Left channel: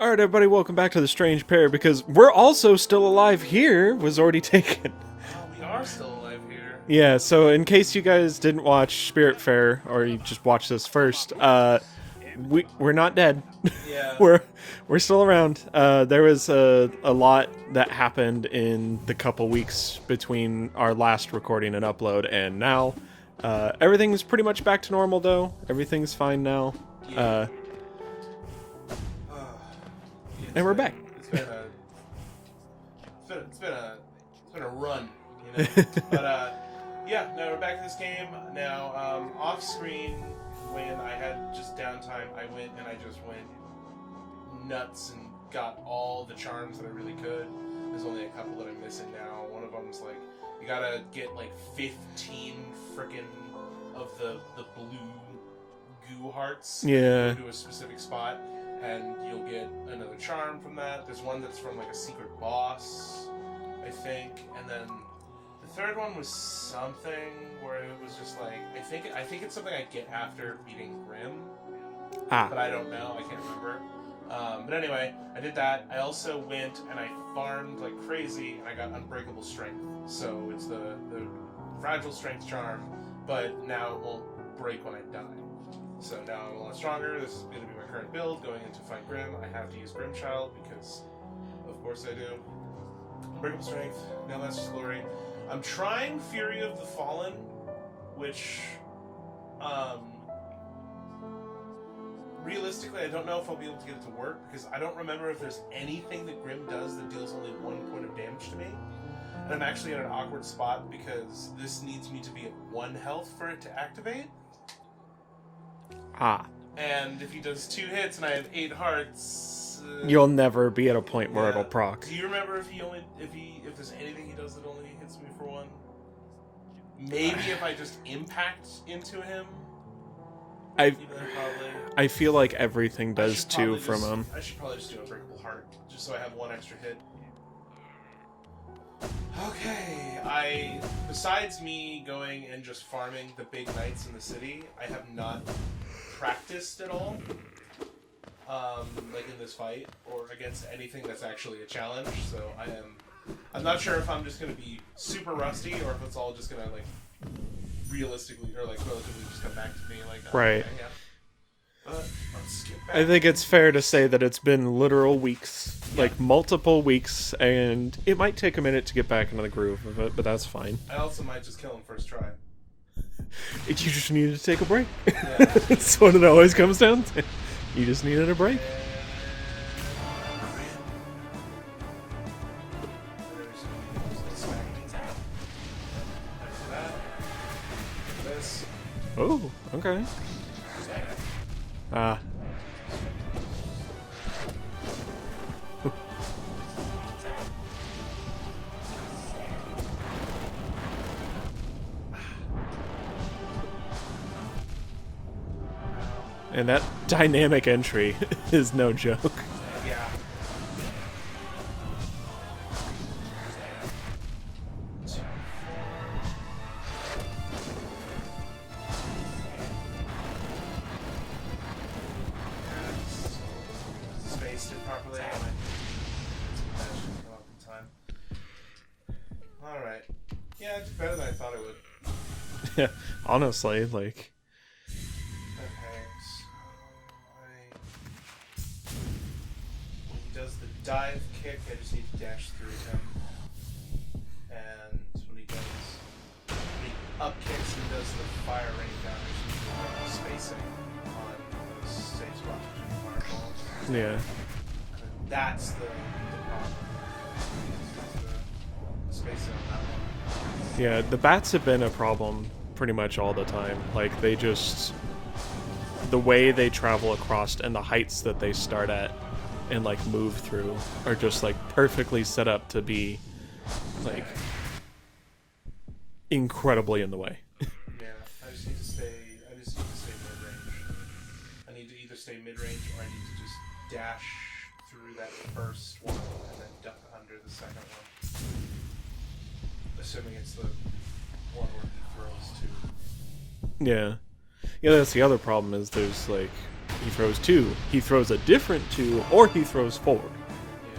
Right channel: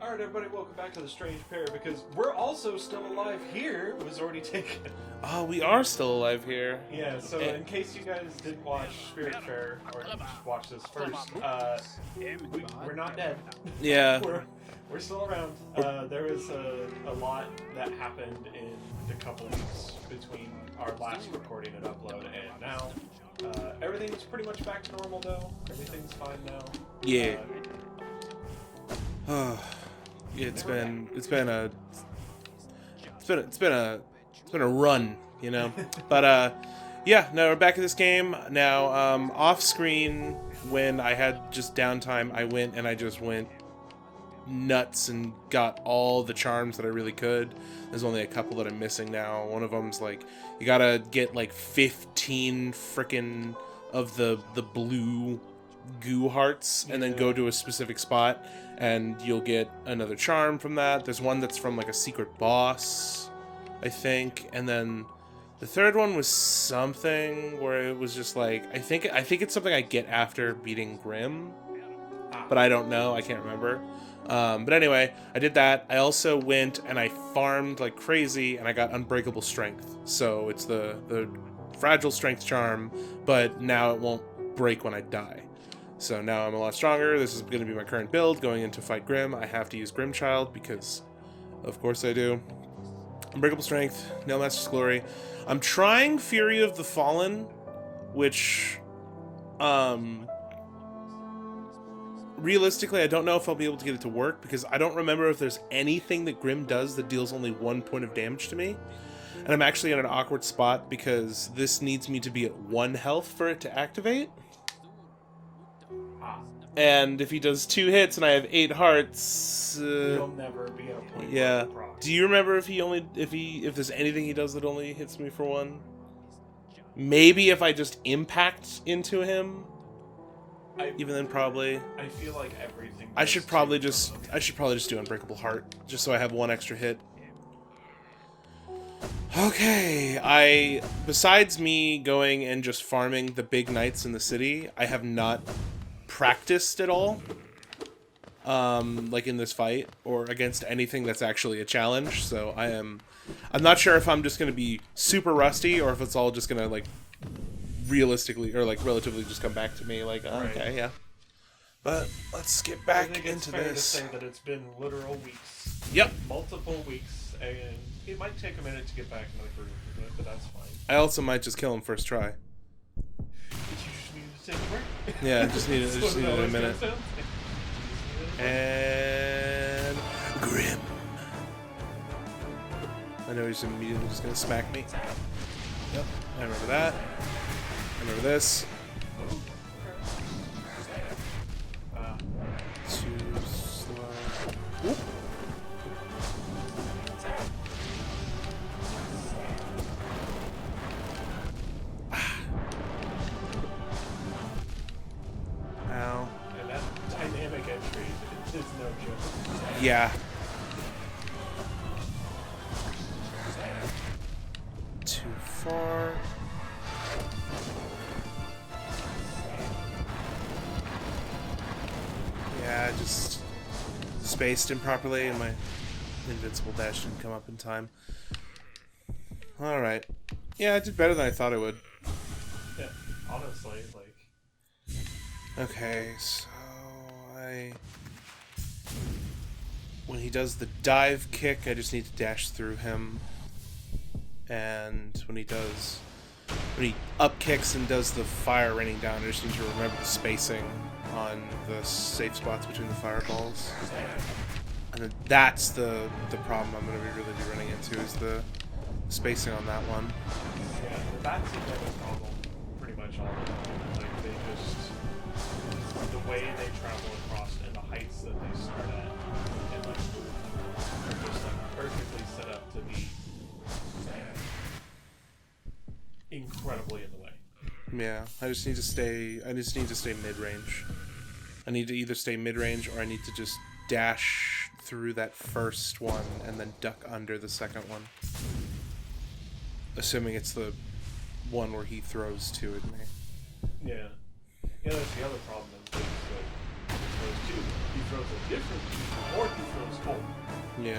Alright, everybody, welcome back to the Strange Pear, because we're also still alive here, was already taken. Oh, we are still alive here. Yeah, so in case you guys didn't watch Spirit Fair, or you just watched this first, we're not dead. Yeah. we're still around. There was a lot that happened in the couple weeks between our last recording and upload, and now everything's pretty much back to normal, though. Everything's fine now. Yeah. And we're back. It's been a run, you know. But yeah, no, we're back in this game now. Off screen, when I had just downtime, I went nuts and got all the charms that I really could. There's only a couple that I'm missing now. One of them's like, you gotta get like 15 frickin' of the blue goo hearts, and then go to a specific spot, and you'll get another charm from that. There's one that's from like a secret boss, I think, and then the third one was something where it was just like, I think it's something I get after beating Grim, but I don't know, I can't remember. But anyway, I did that. I also went and I farmed like crazy, and I got Unbreakable Strength. So it's the fragile strength charm, but now it won't break when I die. So now I'm a lot stronger. This is going to be my current build going into fight Grim. I have to use Grimchild because, of course, I do. Unbreakable Strength, Nail Master's Glory. I'm trying Fury of the Fallen, which, realistically, I don't know if I'll be able to get it to work because I don't remember if there's anything that Grim does that deals only 1 point of damage to me. And I'm actually in an awkward spot because this needs me to be at 1 health for it to activate. And if he does 2 hits and I have 8 hearts, you'll never be at a point where it'll proc. Do you remember if there's anything he does that only hits me for 1? Maybe if I just impact into him. Even then, probably. I feel like everything does from him. I should probably just do Unbreakable Heart, just so I have 1 extra hit. Okay, besides me going and just farming the big knights in the city, I have not practiced at all, like in this fight, or against anything that's actually a challenge, so I'm not sure if I'm just going to be super rusty, or if it's all just going to, like, realistically, or, like, relatively just come back to me, like, right. Okay, yeah. But let's get back. I think it's fair to say that it's been literal weeks, like multiple weeks, and it might take a minute to get back into the groove of it, but that's fine. I also might just kill him first try. You just needed to take a break. Yeah, that's what it always comes down to. You just needed a break. And Grim. I know he's gonna smack me. Yep. I remember that. I remember this. Oh, okay. And that dynamic entry is no joke. Yeah. Too far. Yeah, just spaced improperly, and my invincible dash didn't come up in time. Alright. Yeah, I did better than I thought it would. Yeah, honestly, like... Okay, so when he does the dive kick, I just need to dash through him. And when he up kicks and does the fire raining down, I just need to remember the spacing on the safe spots between the fireballs. Yeah. And that's the problem I'm going to be really running into, is the spacing on that one. Yeah, the bats have been a problem pretty much all the time. Like, they just... the way they travel across and the heights that they start at and, like, move through are just, like, perfectly set up to be, like, incredibly in the way. Yeah, I just need to stay mid-range. I need to either stay mid-range or I need to just dash through that first one and then duck under the second one. Assuming it's the one where he throws to at me. Yeah. Yeah, that's the other problem, is there's, like, He throws 2. He throws a different 2, or he throws 4. Yeah.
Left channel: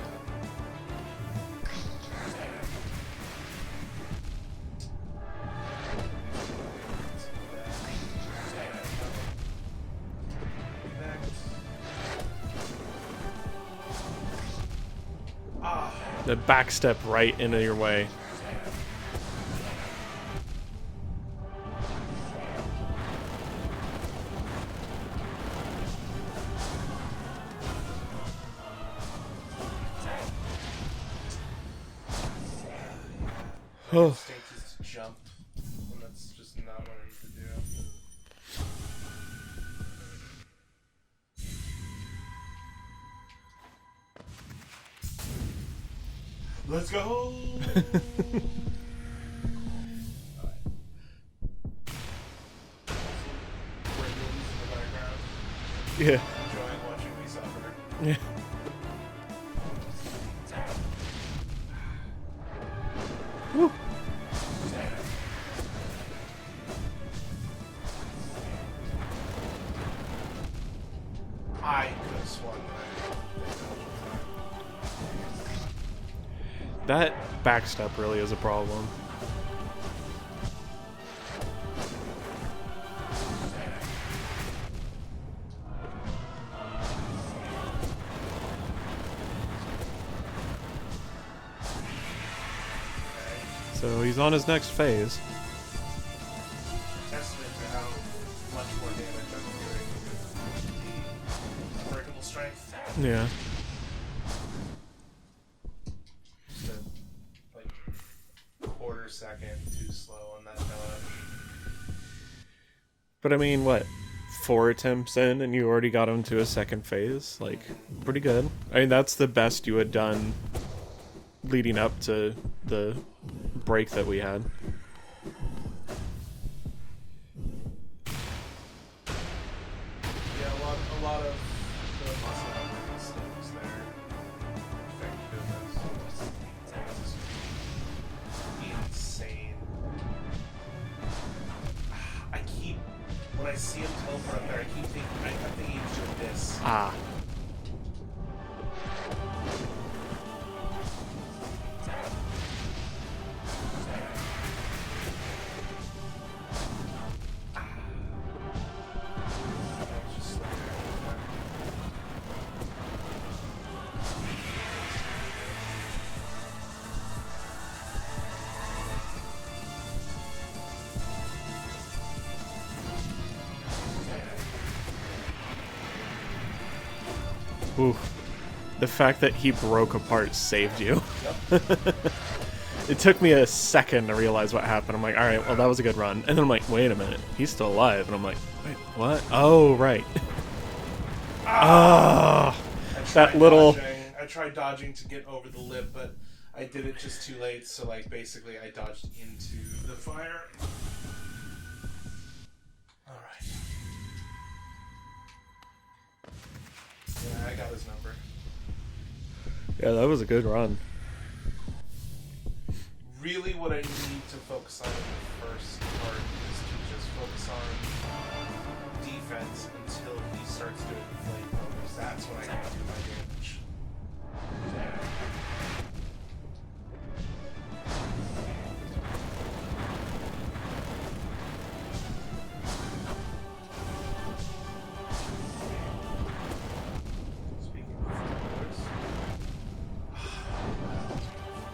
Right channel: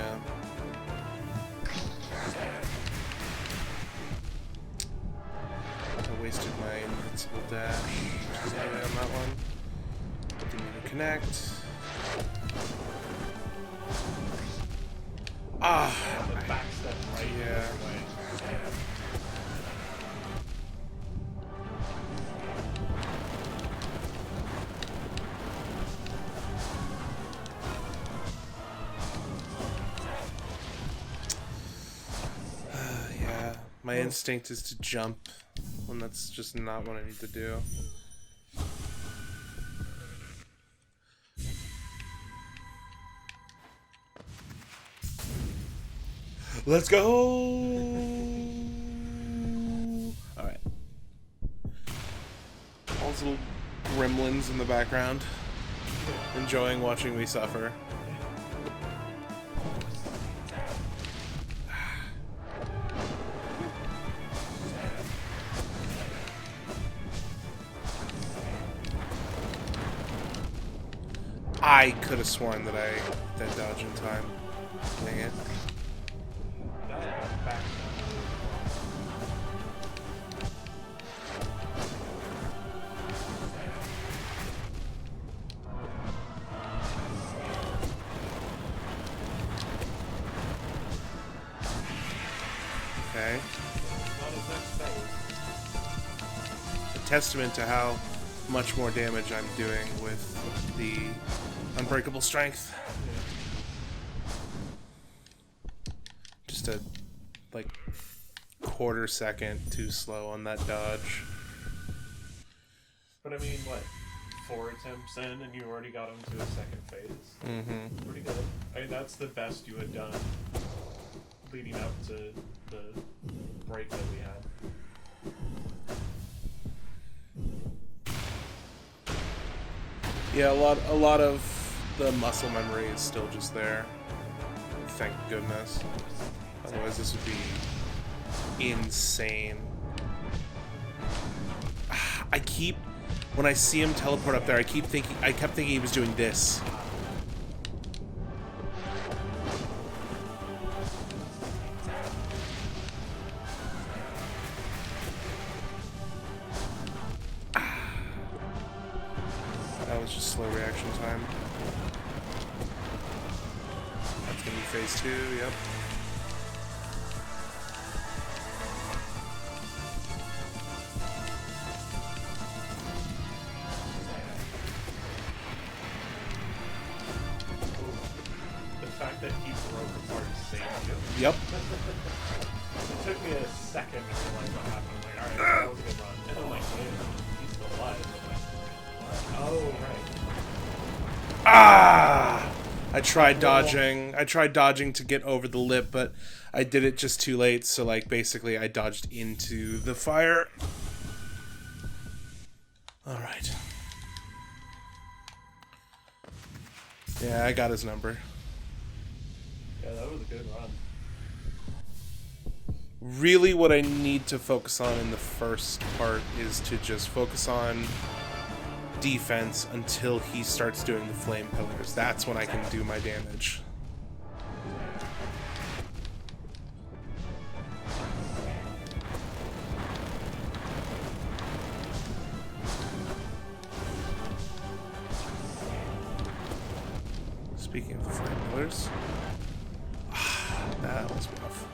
I wasted my invincible dash. Yeah, on that one. Connect. Ah! The backstep right into your way. Yeah. My instinct is to jump, and that's just not what I need to do. Let's go! Alright. All those little gremlins in the background. Yeah. Enjoying watching me suffer. Yeah. I could have sworn that I did dodge in time. Dang it. That backstep really is a problem. Okay. So he's on his next phase. Testament to how much more damage I'm doing with the unbreakable strength. Yeah. Just a like quarter second too slow on that dodge. But I mean, what? 4 attempts in and you already got him to a second phase? Like, pretty good. I mean, that's the best you had done leading up to the break that we had. Yeah, a lot of the muscle memory is still just there. Thank goodness. Otherwise this would be insane. When I see him teleport up there, I kept thinking he was doing this. Ah. That was just slow reaction time. That's gonna be phase 2, yep. Ooh. The fact that he broke apart saved you. Yep. It took me a second to realize what happened. I'm like, alright, well, that was a good run. And then I'm like, wait a minute, he's still alive. And I'm like, wait, what? Oh, right. Ah! I tried dodging. I tried dodging to get over the lip, but I did it just too late. So, like, basically, I dodged into the fire. All right. Yeah, I got his number. Yeah, that was a good run. Really, what I need to focus on in the first part is to just focus on defense until he starts doing the flame pillars. That's when I can do my damage. Speaking of flame pillars, that was rough.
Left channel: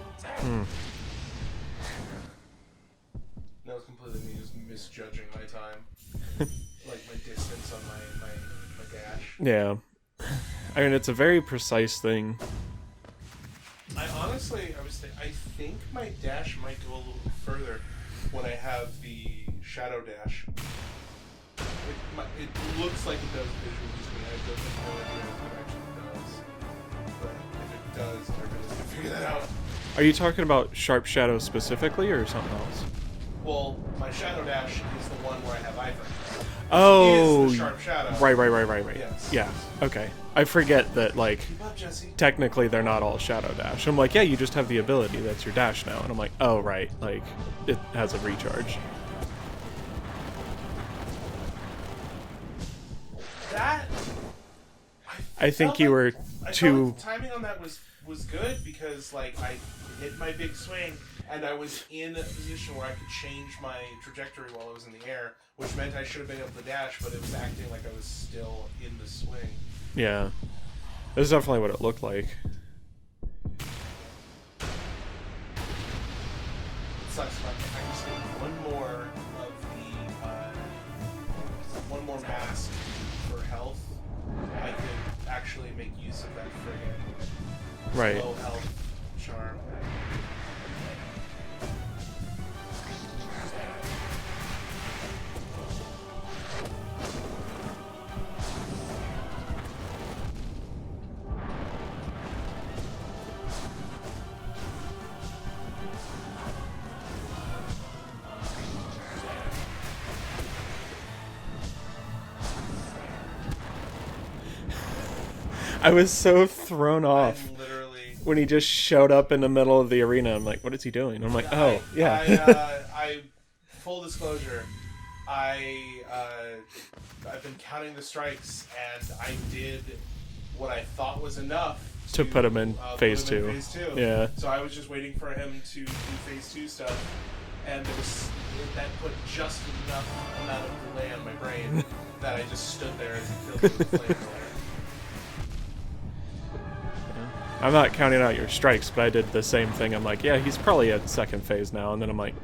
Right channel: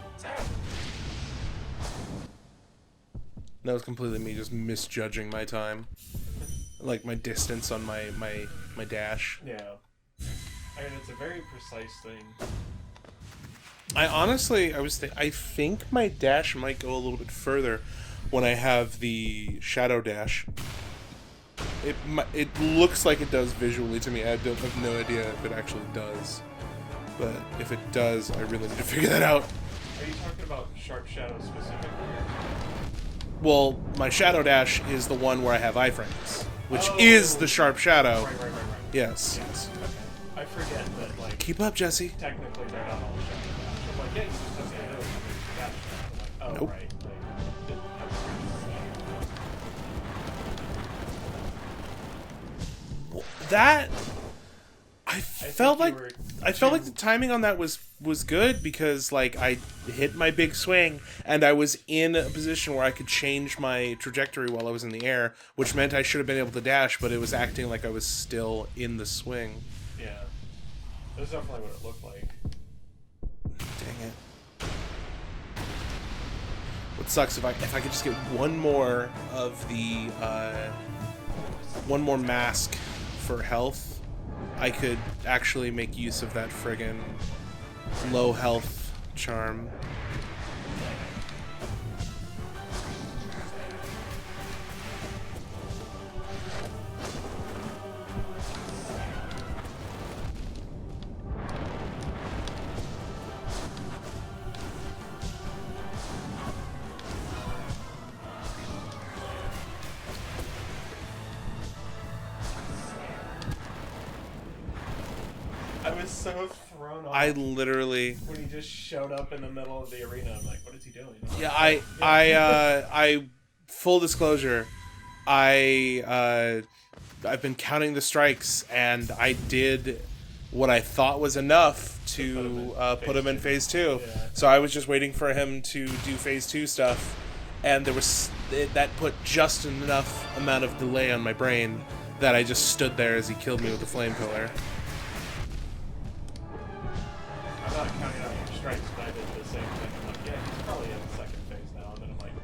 That was completely me just misjudging my time. Like my distance on my dash. Yeah. I mean, it's a very precise thing. I think my dash might go a little bit further when I have the shadow dash. It looks like it does visually to me. I have no idea if it actually does. But if it does, I really need to figure that out. Are you talking about Sharp Shadow specifically, or something else? Well, my shadow dash is the one where I have iframes. Which is the Sharp Shadow. Right. Yes. Yes. Okay. I forget that, like, Keep up, Jesse. technically they're not all Shadow Dash. I'm like, yeah, you just have the ability. That's your dash now. And I'm like, oh, right. Like, it has a recharge. That I think you were I felt like the timing on that was good because like I hit my big swing and I was in a position where I could change my trajectory while I was in the air, which meant I should have been able to dash, but it was acting like I was still in the swing. Yeah. That's definitely what it looked like. Dang it. It sucks if I could just get one more of the one more mask for health, I could actually make use of that friggin' low health charm. I was so thrown off. I literally... When he just showed up in the middle of the arena, I'm like, what is he doing? I'm like, I full disclosure, I've been counting the strikes, and I did what I thought was enough to put him in phase 2. Yeah. So I was just waiting for him to do phase 2 stuff, and that put just enough amount of delay on my brain that I just stood there as he killed me with the flame pillar. I'm not counting out your strikes, but I did the same thing. I'm like, yeah, he's probably at second phase now. And then I'm like,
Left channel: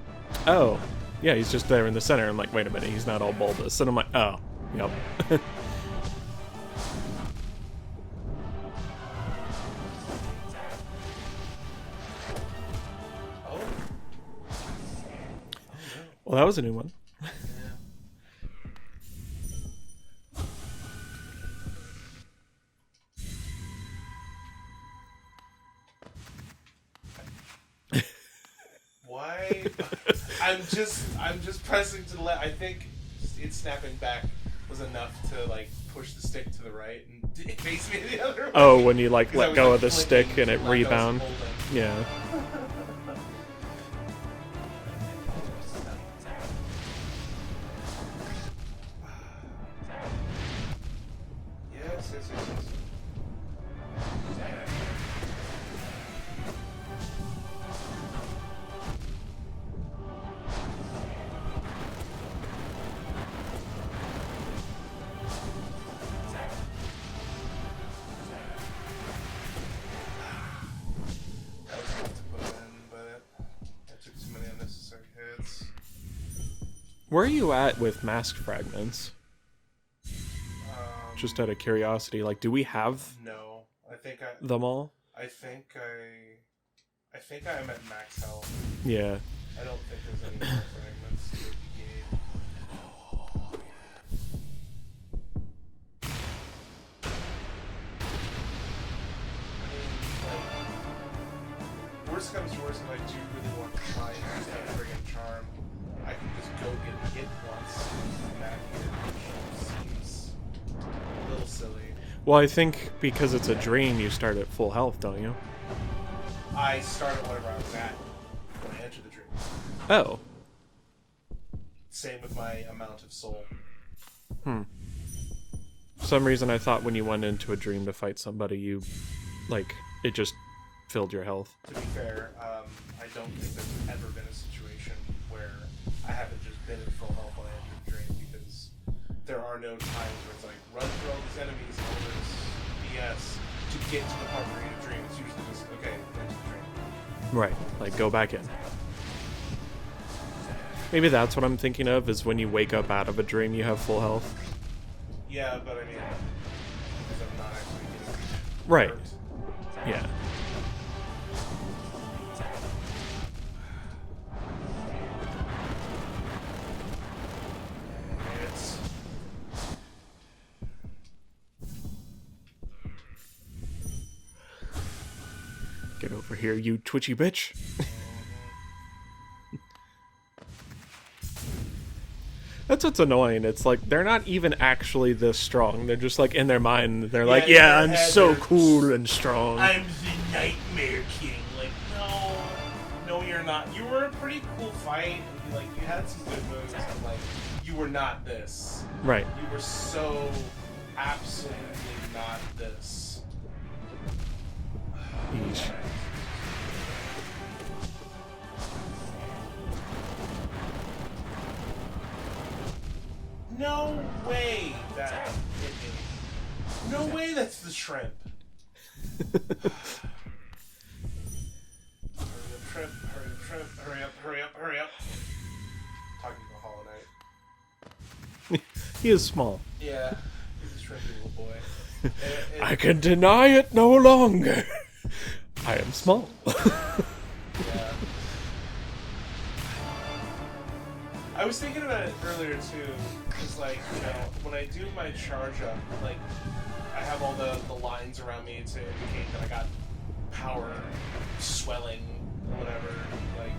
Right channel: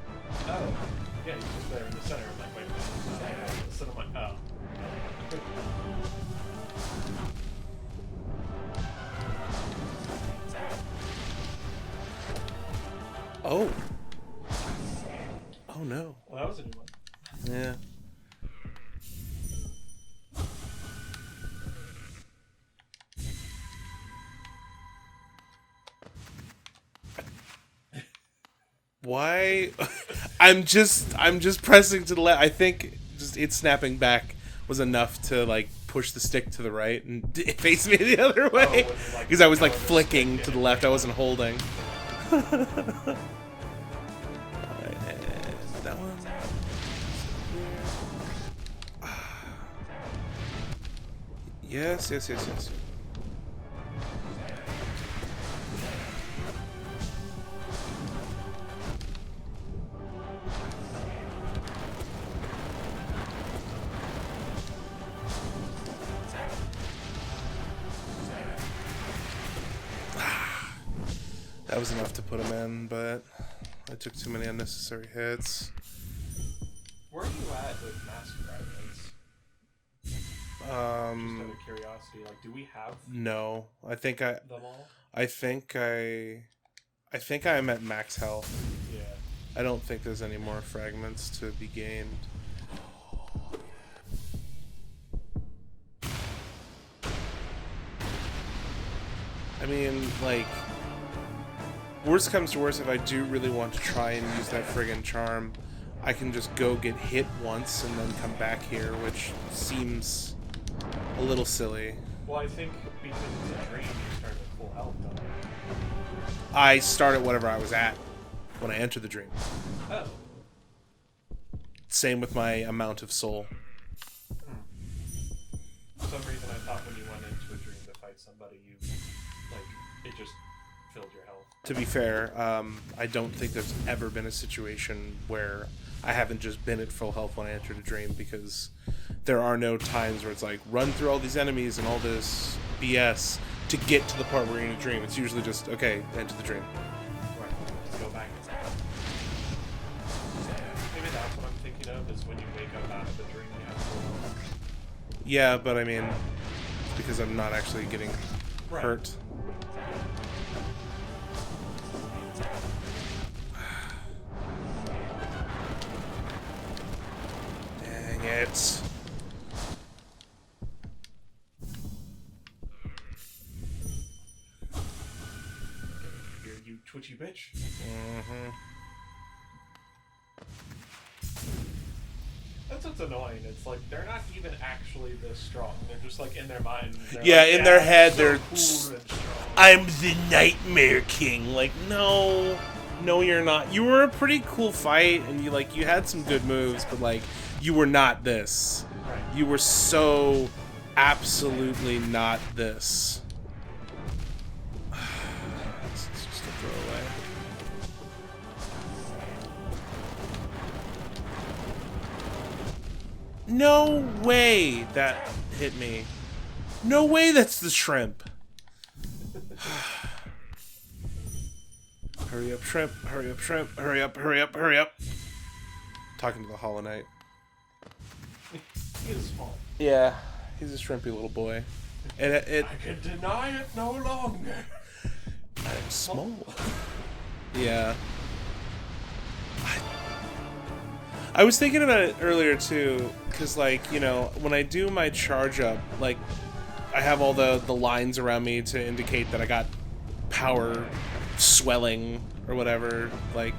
oh, yeah, he's just there in the center. I'm like, wait a minute, he's not all bulbous. And I'm like, oh, nope. Oh. Oh, no. Well, that was a new one. Yeah. Why? I'm just pressing to the left. I think just it snapping back was enough to like push the stick to the right and face me the other way. Oh, when you like because I was like flicking to the left, rebound. I wasn't holding. Yeah. Yes. That was enough to put him in, but I took too many unnecessary hits. Where are you at with mask fragments? Just out of curiosity, like, do we have? No, them all. I think I'm at max health. Yeah. I don't think there's any more fragments to be gained. I mean, like, worst comes to worst, if I do really want to try and use that friggin' charm, I can just go get hit once and then come back here, which seems a little silly. Well, I think because it's a dream, you start at full health, don't you? I start at whatever I was at when I entered the dream. Oh. Same with my amount of soul. For some reason, I thought when you went into a dream to fight somebody, you, like, it just filled your health. To be fair, I don't think there's ever been a situation where I haven't just been at full health when I entered a dream, because there are no times where it's like, run through all these enemies and all this BS to get to the part where you're in a dream. It's usually just, okay, enter the dream. Right, like, go back in. Maybe that's what I'm thinking of, is when you wake up out of a dream, you have full health. Yeah, but I mean, because I'm not actually getting hurt. Yeah. Dang it. Get over here, you twitchy bitch. That's what's annoying. It's like they're not even actually this strong. They're just like in their mind. They're like, in their I'm head, so cool and strong. I'm the Nightmare King. Like, no, you're not. You were a pretty cool fight, and you had some good moves, but like, you were not this. Right. You were so absolutely not this. No way that hit me. No way that's the shrimp. Hurry up, shrimp. Hurry up, shrimp. Hurry up, hurry up, hurry up. Talking to the Hollow Knight. He is small. Yeah, he's a shrimpy little boy. And I can deny it no longer. I am small. Yeah. I was thinking about it earlier too, because like, you know, when I do my charge up, like, I have all the lines around me to indicate that I got power swelling or whatever, like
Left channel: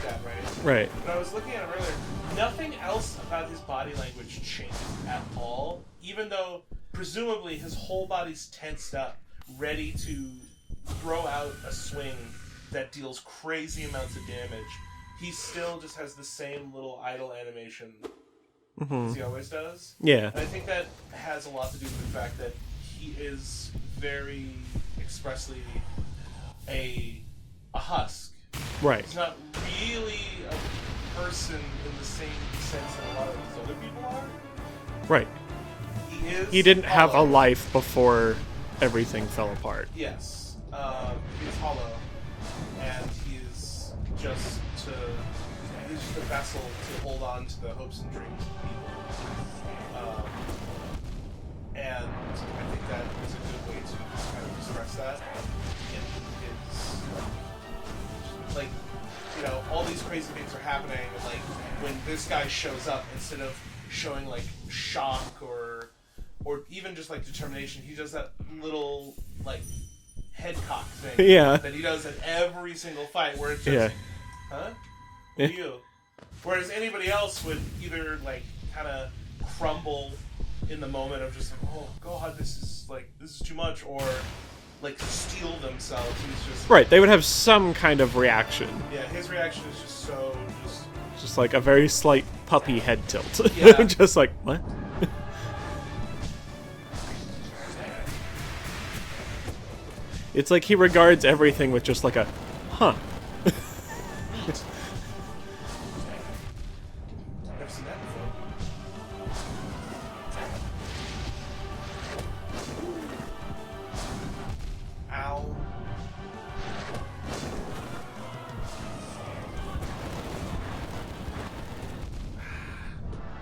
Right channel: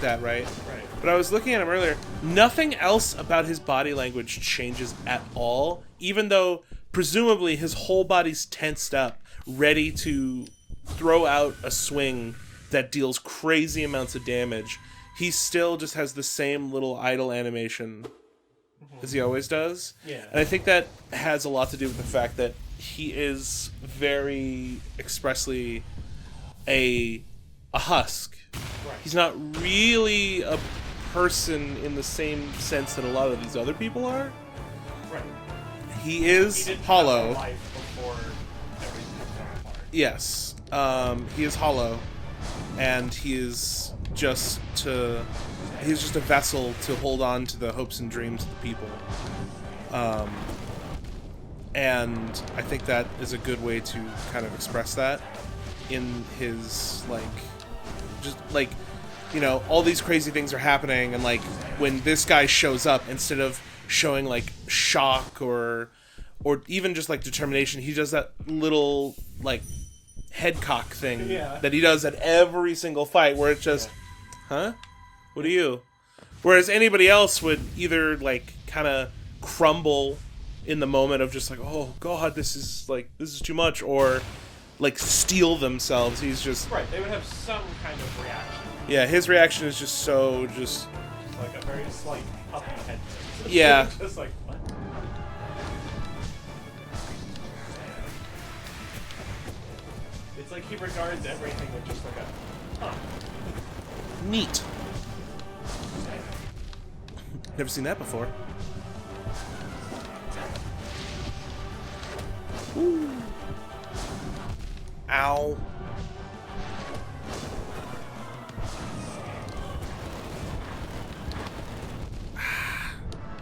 that, right? Right. But I was looking at him earlier. Nothing else about his body language changes at all, even though presumably his whole body's tensed up, ready to throw out a swing that deals crazy amounts of damage. He still just has the same little idle animation as he always does. Yeah. And I think that has a lot to do with the fact that he is very expressly a husk. Right. He's not really a person in the same sense that a lot of these other people are. Right. He is He didn't hollow. have a life before everything fell apart. Yes. He is hollow. And he is just he's just a vessel to hold on to the hopes and dreams of the people. And I think that is a good way to kind of express that in his, like, just, like, you know, all these crazy things are happening, and, like, when this guy shows up, instead of showing, like, shock or even just, like, determination, he does that little, like, head cock thing that he does at every single fight, where it's just, huh? What are you? Whereas anybody else would either, like, kind of crumble in the moment of just like, oh god, this is too much, or like steal themselves. He's just right. They would have some kind of reaction. Yeah, his reaction is just so just like a very slight puppy head tilt. Yeah. Just like, what? It's like he regards everything with just like a, huh. Neat. Never seen that before. Ooh. Ow.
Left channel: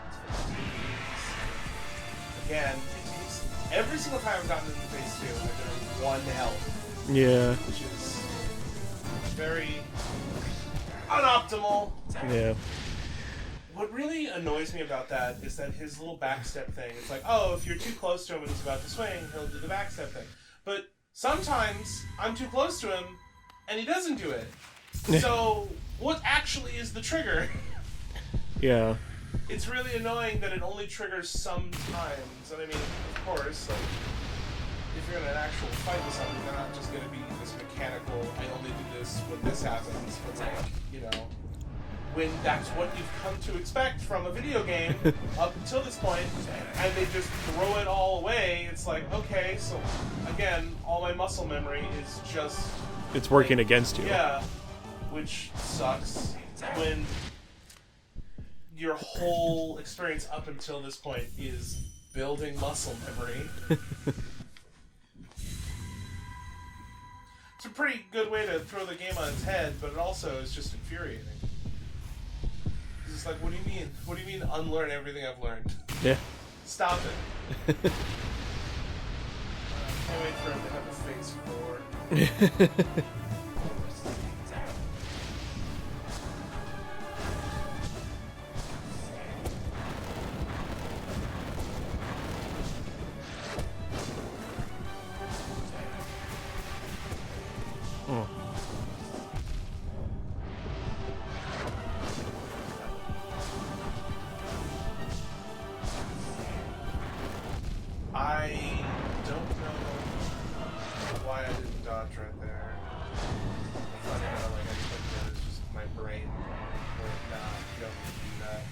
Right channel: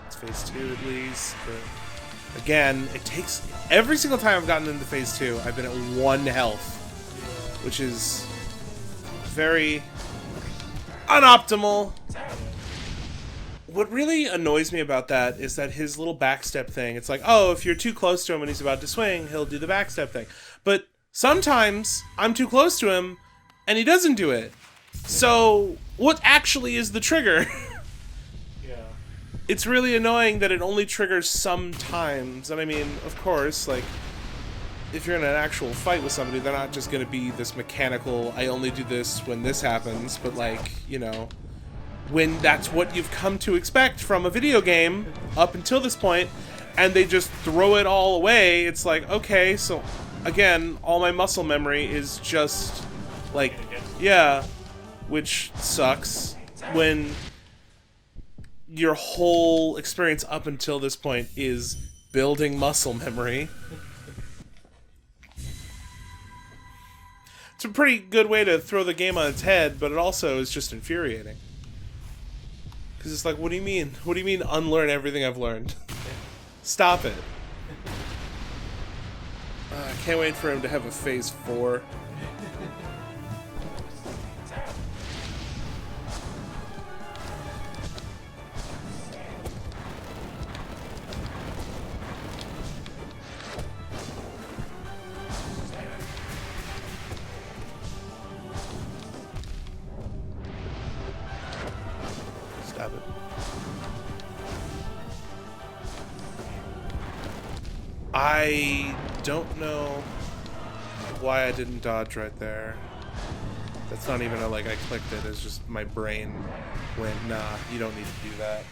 It's phase 2 at least. But again, it takes... Every single time I've gotten into phase 2, I've been at 1 health. Yeah. Which is very unoptimal. Yeah. What really annoys me about that is that his little backstep thing, it's like, oh, if you're too close to him when he's about to swing, he'll do the backstep thing. But sometimes I'm too close to him and he doesn't do it. So what actually is the trigger? Yeah. It's really annoying that it only triggers sometimes. And I mean, of course, like, if you're in an actual fight with somebody, they're not just going to be this mechanical, I only do this when this happens, but, like, you know, when that's what you've come to expect from a video game up until this point, and they just throw it all away, it's like, okay, so, again, all my muscle memory is just... It's working like, against you. Yeah, which sucks when your whole experience up until this point is building muscle memory. It's a pretty good way to throw the game on its head, but it also is just infuriating. Because it's like, what do you mean? What do you mean unlearn everything I've learned? Yeah. Stop it. I can't wait for him to have a phase 4. I don't know why I didn't dodge right there. That's not even a, like, I clicked it. It's just my brain went, nah, you don't need to do that.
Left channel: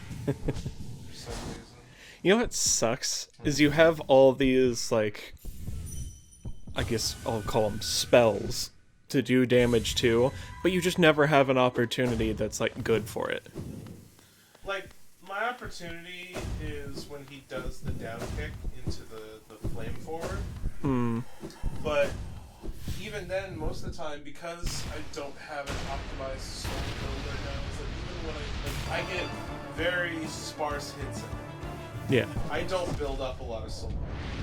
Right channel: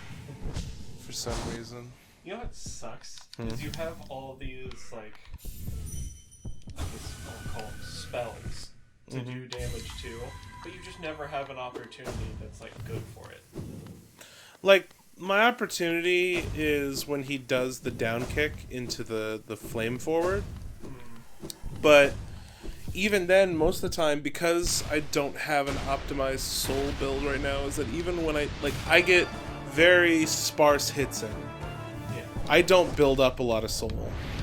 For some reason. You know what sucks? Is you have all these, like, I guess I'll call them spells to do damage to, but you just never have an opportunity that's, like, good for it. Like, my opportunity is when he does the down kick into the flame forward. But even then, most of the time, because I don't have an optimized soul build right now, is that even when I get very sparse hits in. Yeah. I don't build up a lot of soul.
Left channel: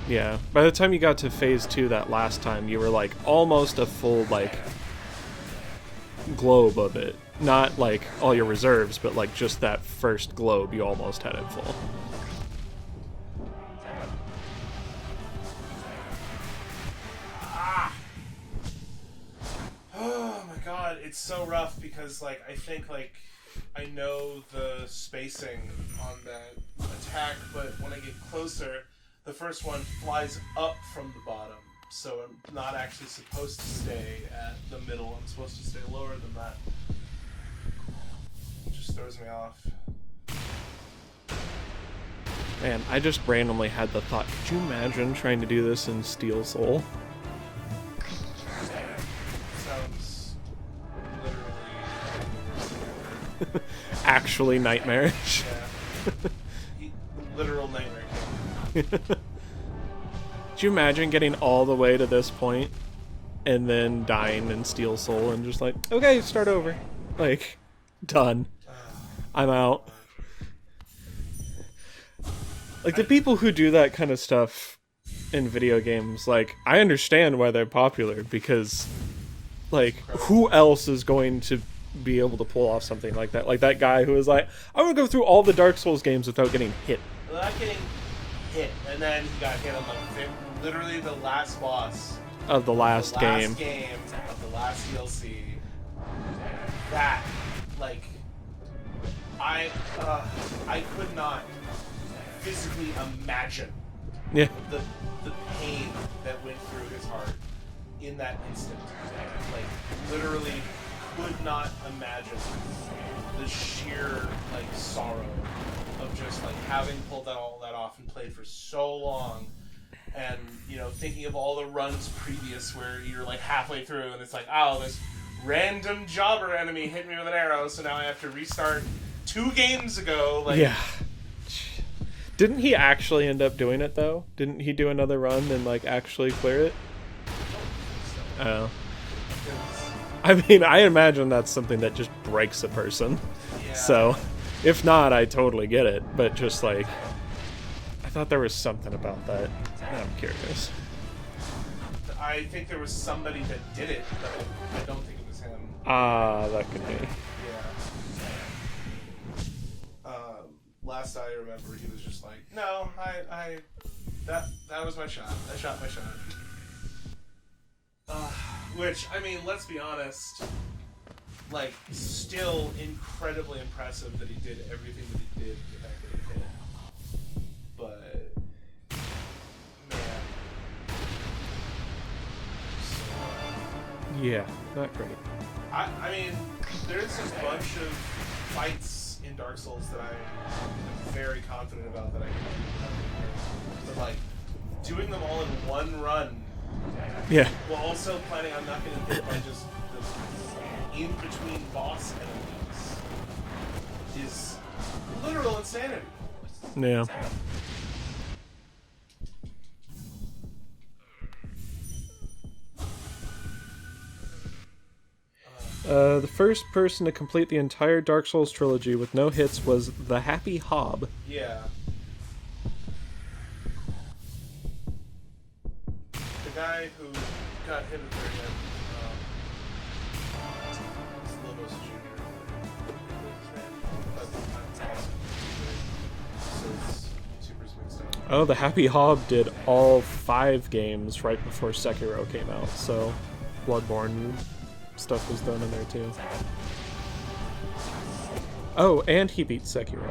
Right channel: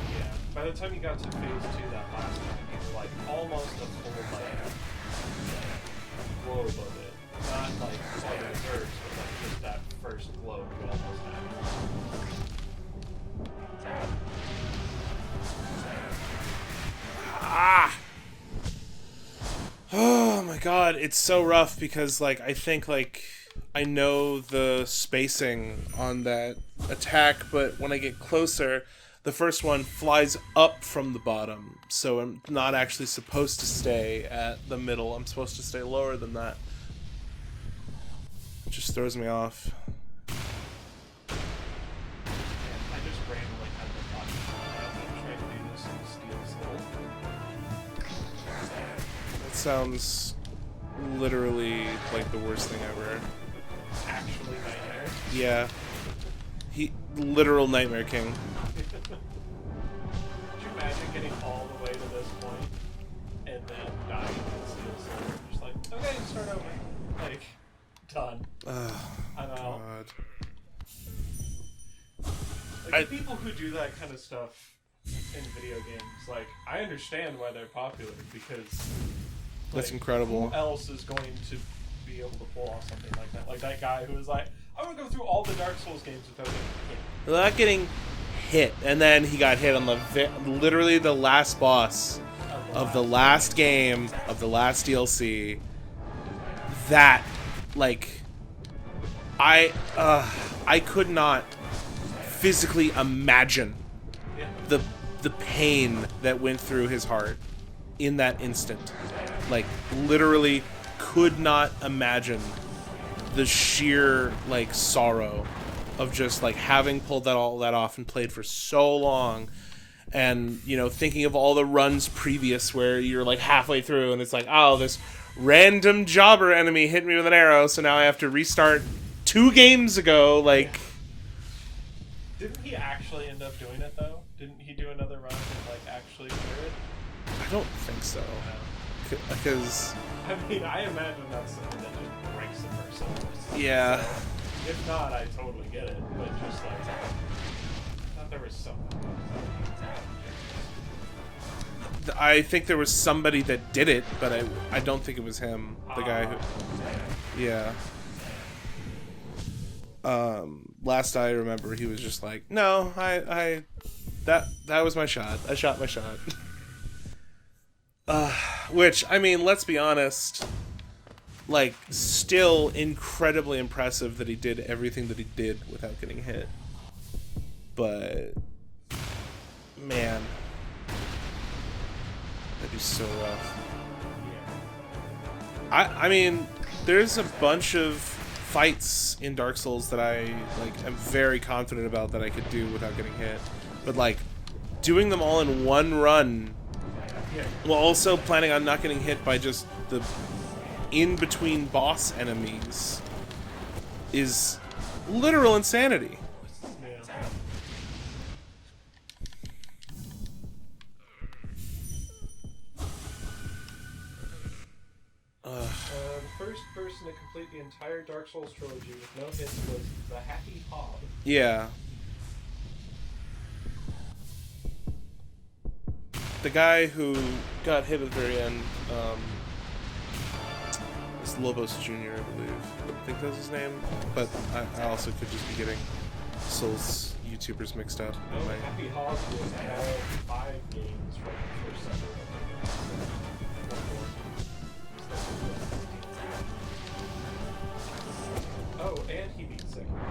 Yeah. By the time you got to phase 2 that last time, you were, like, almost a full, like, globe of it. Not, like, all your reserves, but, like, just that first globe, you almost had it full. Ah! Oh my god, it's so rough because, like, I think, like, I know the spacing on that attack, but when I get closer, the first one flies up from the bottom, so I'm not actually supposed to stay at the middle. I'm supposed to stay lower than that. It just throws me off. Man, I just randomly had the thought, could you imagine trying to do this in Steel Soul? It sounds literally like the worst thing ever. Actually nightmarish. Yeah. Literal Nightmare King. Could you imagine getting all the way to this point and then dying in Steel Soul and just like, okay, start over. Like, done. I'm out. Like, the people who do that kind of stuff in video games, like, I understand why they're popular, because, like, who else is going to be able to pull off something like that? Like that guy who was like, I'm gonna go through all the Dark Souls games without getting hit. Without getting hit. And then he got hit on literally the last boss of the last game of the last DLC. That, like, I could not physically imagine the pain that went through his heart in that instant. Like, literally could not imagine the sheer, like, sorrow of just, like, having pulled all that off and played for so long, and, you know, thinking of all the runs previous where you're, like, halfway through and it's like, oh, this random jobber enemy hit me with an arrow, so now I have to restart 2 games ago. Like, yeah. Didn't he actually end up doing it, though? Didn't he do another run and, like, actually clear it? I don't think so. Oh. Because, I mean, I imagine that's something that just breaks a person. yeah. So, if not, I totally get it. But just, like, I thought there was something about that. I'm curious. I think there was somebody that did it, but I don't think it was him. That could be. Yeah. Last I remember, he was just like, no, that was my shot. I shot my shot. Which, I mean, let's be honest, like, still incredibly impressive that he did everything that he did without getting hit. But, man, that'd be so rough. Yeah, not great. I mean, there's a bunch of fights in Dark Souls that I, like, am very confident about that I could do without getting hit. But, like, doing them all in one run, yeah, while also planning on not getting hit by just the in-between boss enemies, is literal insanity. Yeah. The first person to complete the entire Dark Souls trilogy with no hits was the Happy Hob. Yeah. The guy who got hit at the very end, is Lobos Jr., I believe. I think that's his name. But I also could just be getting Souls YouTubers mixed up. Oh, the Happy Hob did all 5 games right before Sekiro came out, so Bloodborne stuff was done in there too. Oh, and he beat Sekiro.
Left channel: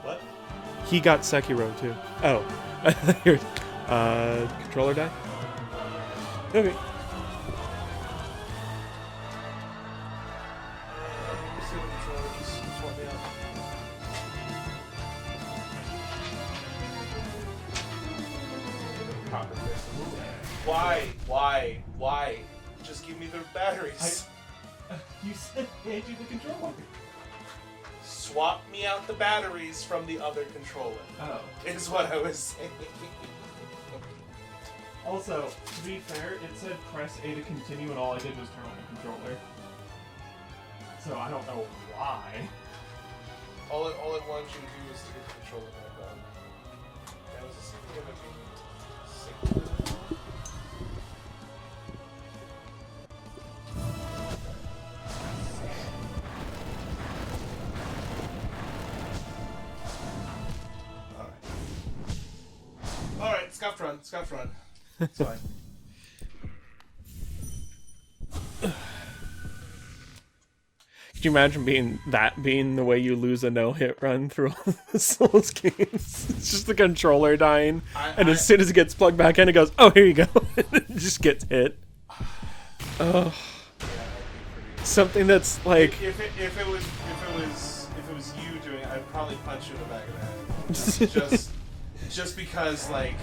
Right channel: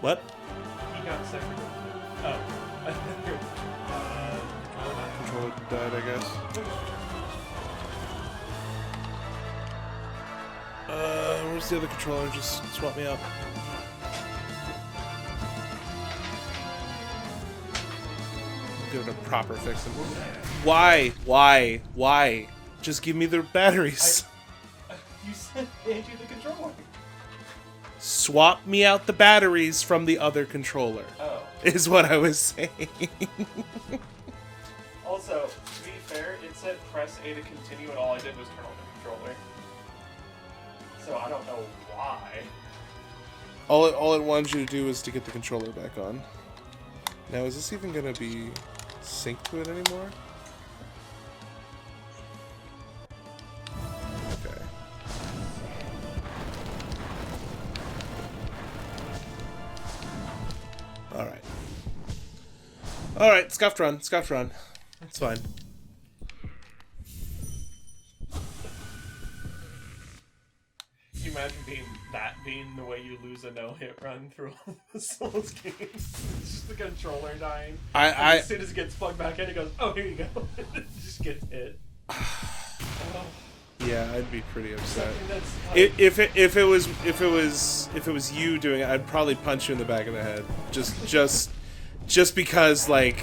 What? He got Sekiro too. Oh. Controller died? Controller died, I guess. Okay. Where's Use the other controller, just swap me out. Give it a proper fix. Why? Why? Just give me the batteries. You said hand you the controller. Swap me out the batteries from the other controller. Oh. Is what I was saying. Also, to be fair, it said press A to continue, and all I did was turn on the controller. So I don't know why. All it wanted you to do was to get the controller back on. Now, is this even gonna be synced to it anymore? Okay. Alright. Alright, scuffed run. It's fine. Could you imagine being the way you lose a no-hit run through all the Souls games? It's just the controller dying, and as soon as it gets plugged back in, it goes, "Oh, here you go." It just gets hit. Oh. Yeah, I'd be pretty upset. Something that's like if it was you doing it, I'd probably punch you in the back of the head. Just because, like,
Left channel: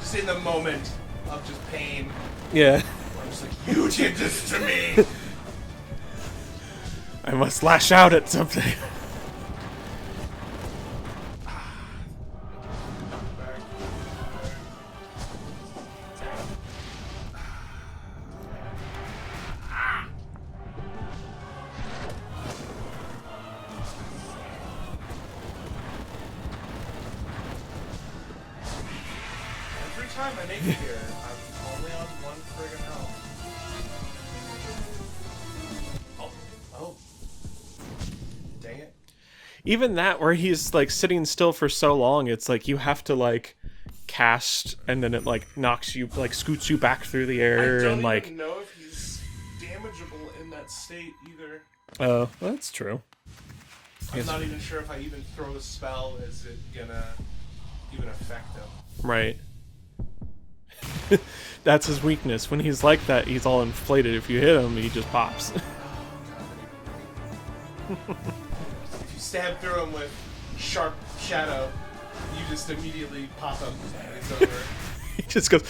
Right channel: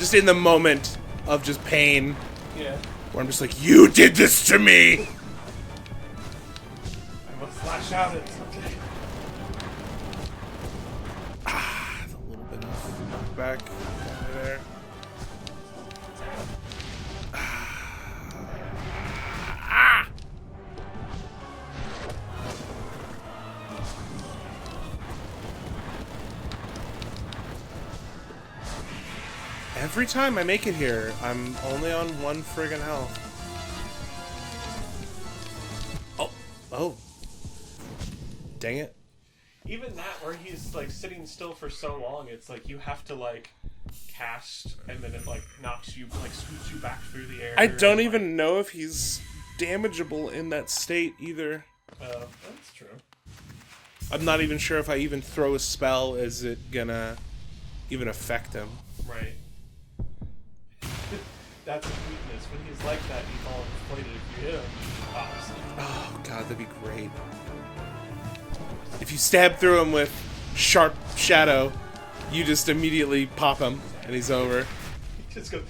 just in the moment of just pain. Yeah. Where I'm just like, you did this to me. I must lash out at something. A little bit back there. Every time I make it here, I'm only on 1 friggin' health. Oh. Dang it. Even that, where he's like sitting still for so long, it's like you have to like cast, and then it like knocks you, like scoots you back through the air. I don't and, even know if he's damageable in that state either. Oh, that's true. I'm not even sure if I even throw a spell, is it gonna even affect him? Right. That's his weakness. When he's like that, he's all inflated. If you hit him, he just pops. Oh god, that'd be great. If you stab through him with sharp shadow, you just immediately pop him, and he's over. He just goes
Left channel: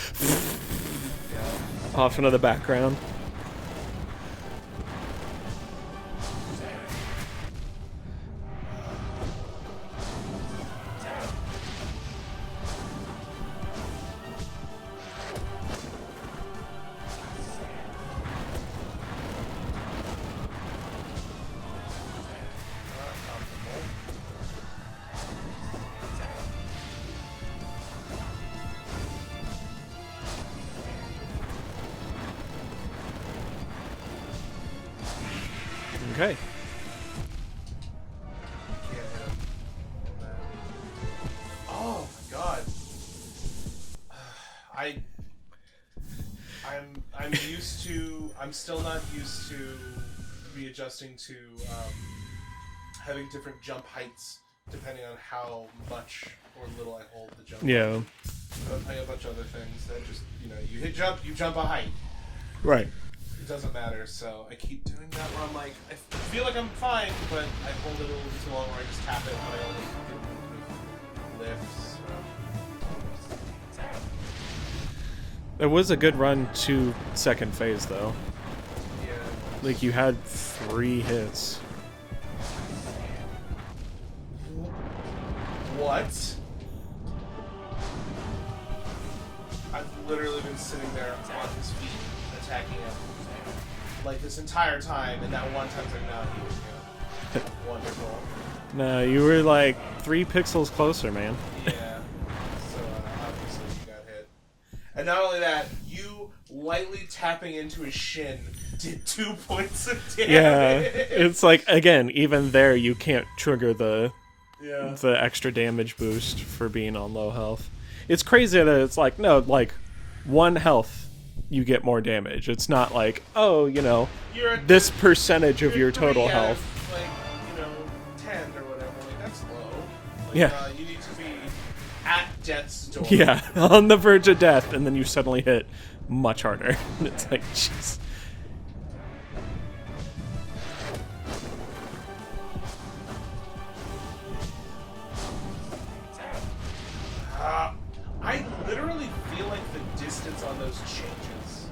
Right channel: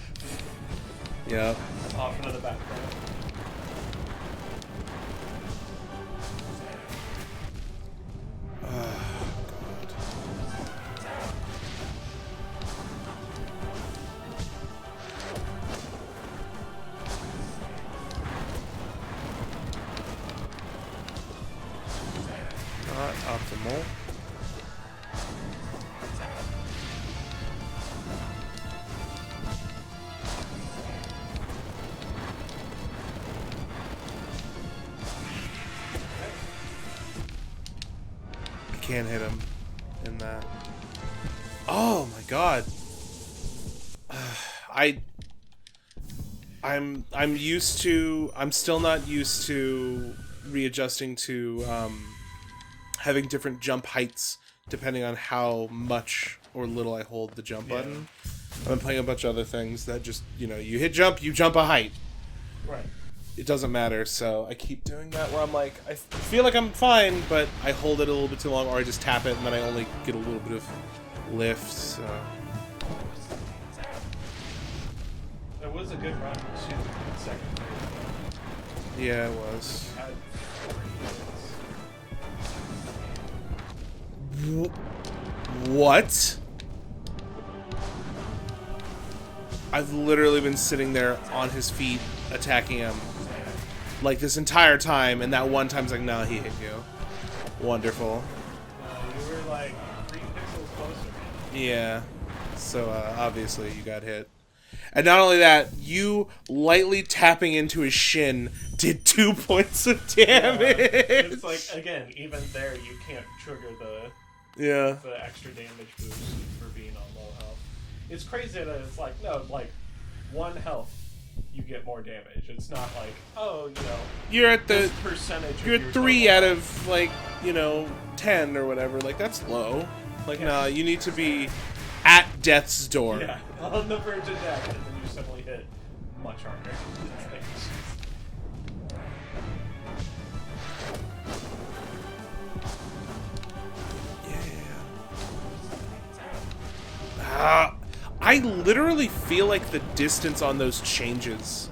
Yeah. off into the background. Optimal. Okay. I can't hit him in that. Oh my god. I'm used to. I'm still not used to readjusting to having different jump heights depending on how much or little I hold the jump button. I'm playing a bunch of other things that just, you hit jump, you jump a height. Right. It doesn't matter, so I keep doing that where I'm like, I feel like I'm fine, but I hold it a little bit too long, or I just tap it and then I only get a little bit of lift, so... It was a good run to second phase, though. Yeah, it was. Like, you had 3 hits. What? I've literally been sitting there on his feet attacking him like this entire time, and that one time's like, no, he hit you. Wonderful. No, you were like 3 pixels closer, man. Yeah. So obviously you got hit. And not only that, you lightly tapping into his shin did 2 points of damage. Yeah, it's like, again, even there you can't trigger the extra damage boost for being on low health. It's crazy that it's like, no, like 1 health you get more damage. It's not like, oh, you're at this percentage of your total 3 out health. of like 10 or whatever. Like that's low. Like Yeah. you need to be at death's door. Yeah, on the verge of death, and then you suddenly hit much harder. It's like, jeez. literally feel like the distance on those changes.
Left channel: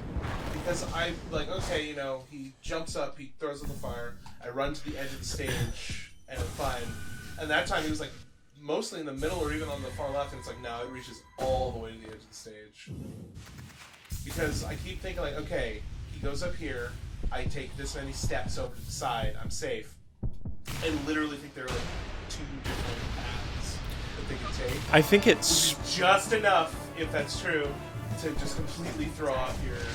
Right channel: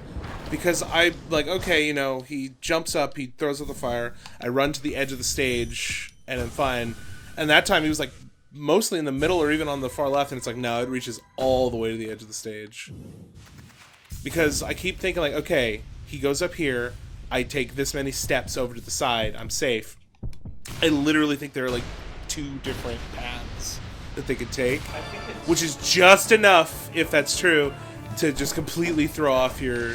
Because I, like, okay, you know, he jumps up, he throws out the fire, I run to the edge of the stage, and I'm fine. And that time he was, like, mostly in the middle or even on the far left, and it's like, no, it reaches all the way to the edge of the stage. Because I keep thinking, like, okay, he goes up here, I take this many steps over to the side, I'm safe. I literally think there are, like, 2 different paths that they could take. I think it's... Which is just enough, if that's true, to just completely throw off your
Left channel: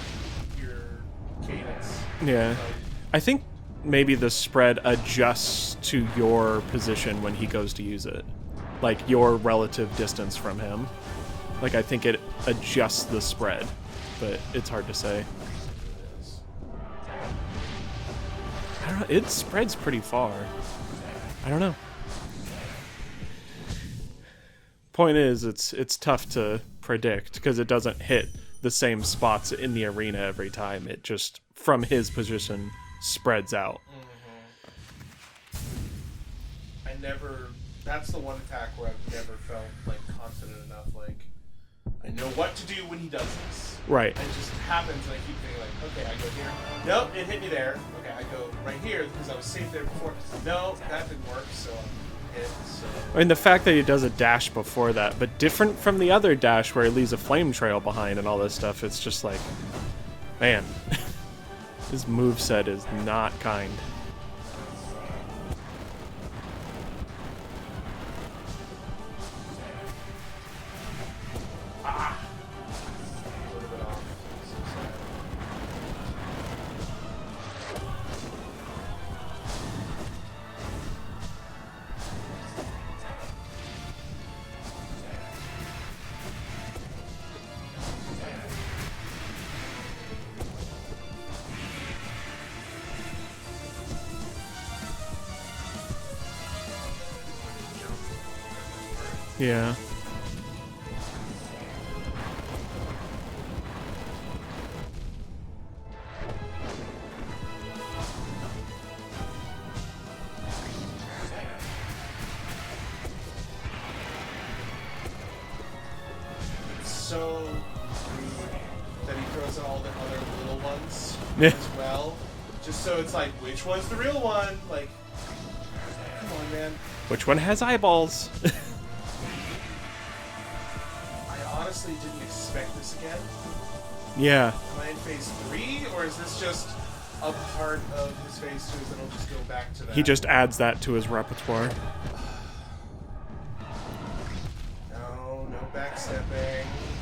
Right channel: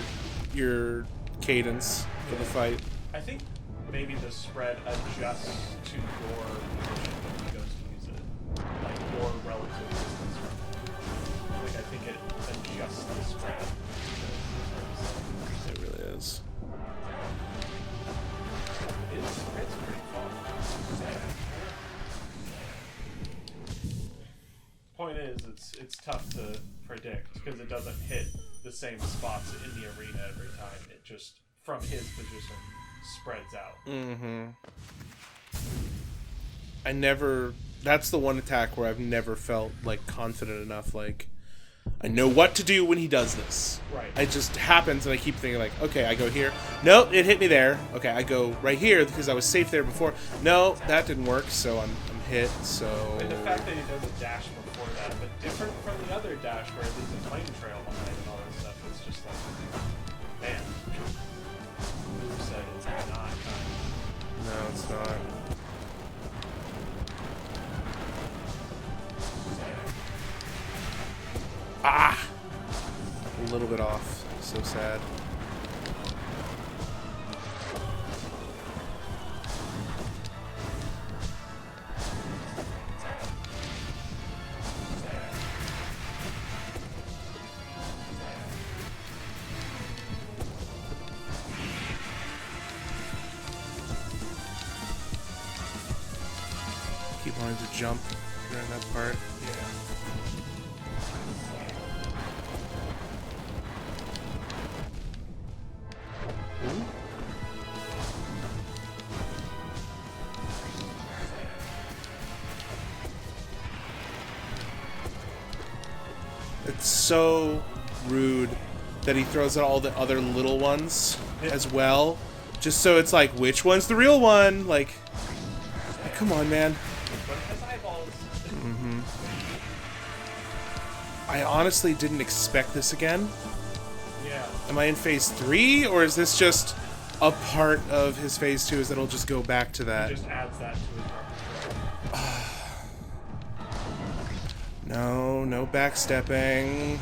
cadence. Yeah. Fight. I think maybe the spread adjusts to your position when he goes to use it. Like, your relative distance from him. Like, I think it adjusts the spread, but it's hard to say. It really is. I don't know, it spreads pretty far. I don't know. Point is, it's tough to predict, because it doesn't hit the same spots in the arena every time. It just, from his position, spreads out. That's the one attack where I've never felt, like, confident enough, like, I know what to do when he does this. Right. It just happens, and I keep thinking, like, okay, I go here. Nope, it hit me there. Okay, I go right here, because I was safe there before. No, that didn't work, so I'm hit, so... And the fact that he does a dash before that, but different from the other dash where he leaves a flame trail behind and all this stuff, it's just like, man, his moveset is not kind. No, it's not. Ah! A little bit off. So sad. Keep wanting to jump during that part. Yeah. So rude that he throws out all the other little ones as well, just so it's like, which one's the real one? Like, come on, man. Which one has eyeballs? I honestly didn't expect this again. Yeah. Am I in phase 3, or is this just a part of his phase 2? Is it'll just go back to that? He just adds that to his repertoire. No backstepping.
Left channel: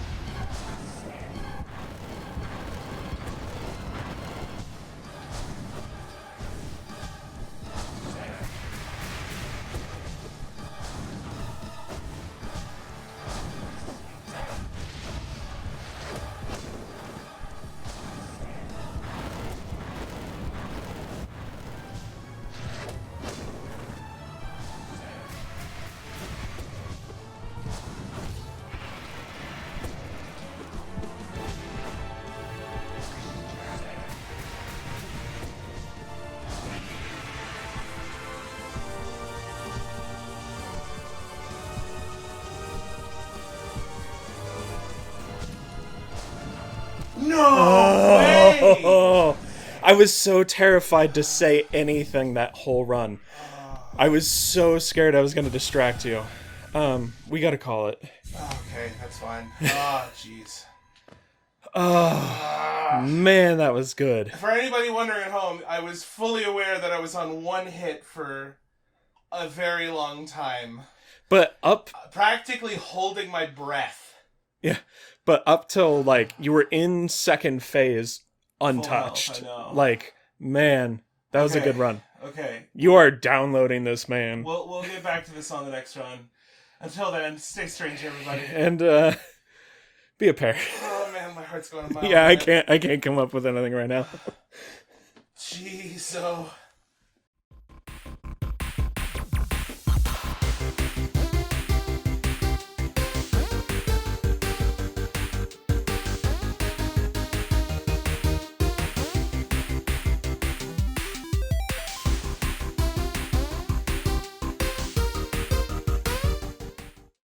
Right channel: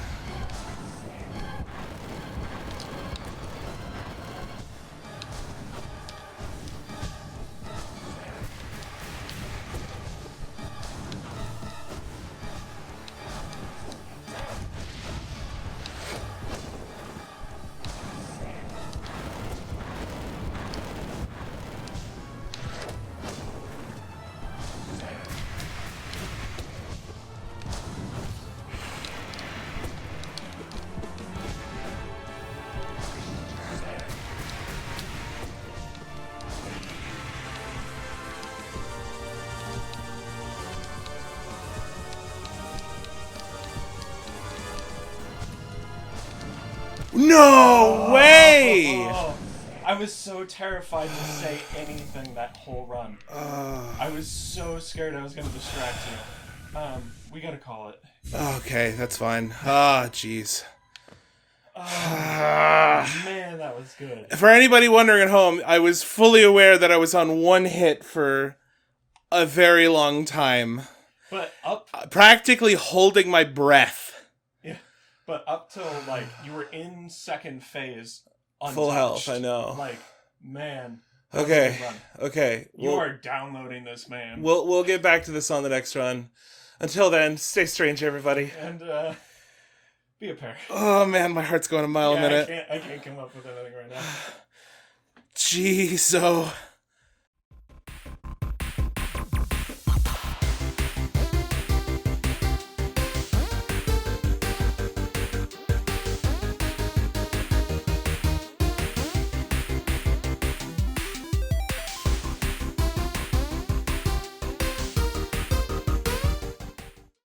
No way! I was so terrified to say anything that whole run. I was so scared I was going to distract you. We got to call it. Okay, that's fine. Ah, jeez. Man, that was good. For anybody wondering at home, I was fully aware that I was on one hit for a very long time. But practically holding my breath. Yeah. But up till, like, you were in second phase untouched. Full health, I know. Like, man, that was a good run. Okay. You are downloading this, man. We'll get back to this on the next run. Until then, stay strange, everybody. And, be a pair. Oh, man, my heart's going a mile a Yeah, minute. I can't come up with anything right now. Jeez, so...